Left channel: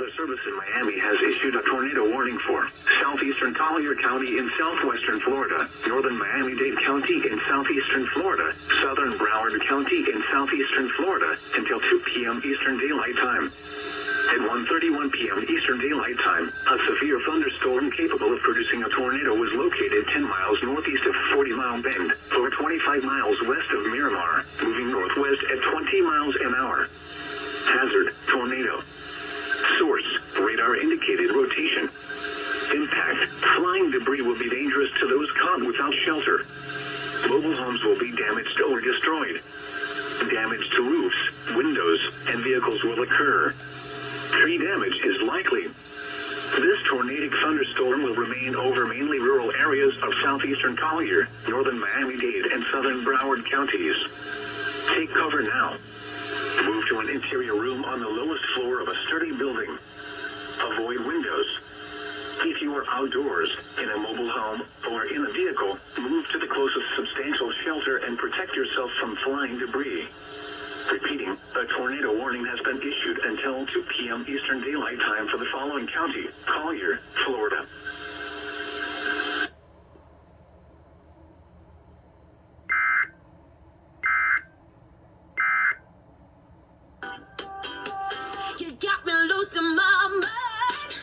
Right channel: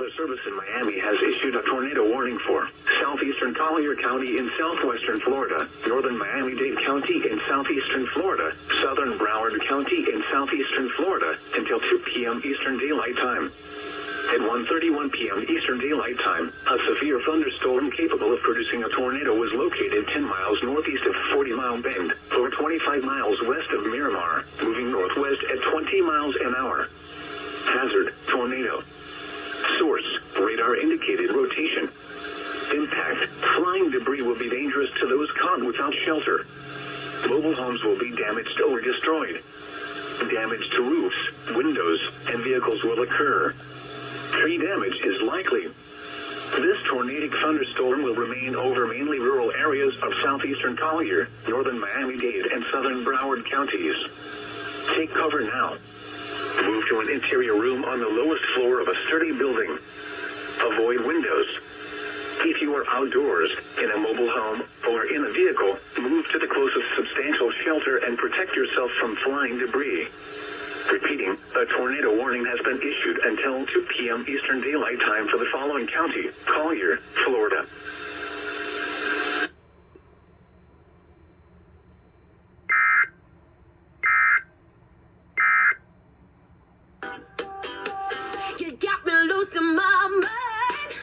Weather Service in Miami has issued a tornado warning for southeastern Collier County in southwestern Florida, northern Miami-Dade County in southeastern Florida, southern Broward County in southeastern Florida until 2 p.m. Eastern Daylight Time. At 1:31 p.m. Eastern Daylight Time, a severe thunderstorm capable of producing a tornado was located 10 miles northeast of 40 Mile Bend, or 25 miles west of Miramar, moving northwest at 20 miles an hour. Hazard, tornado. Source, radar indicated rotation. Impact, flying debris will be dangerous to those caught without shelter. Mobile homes will be damaged or destroyed. Damage to roofs, windows, and vehicles will occur. Tree damage is likely. This tornadic thunderstorm will remain over mainly rural areas of southeastern Collier, northern Miami-Dade, and southern Broward counties. Take cover now. Move to an interior room on the lowest floor of a sturdy building. Avoid windows. If you are outdoors, in a mobile home, or in a vehicle, move to the closest substantial shelter and protect yourself from flying debris. Repeating, a tornado warning has been issued until 2 p.m. Eastern Daylight Time for the following county: Collier, Florida,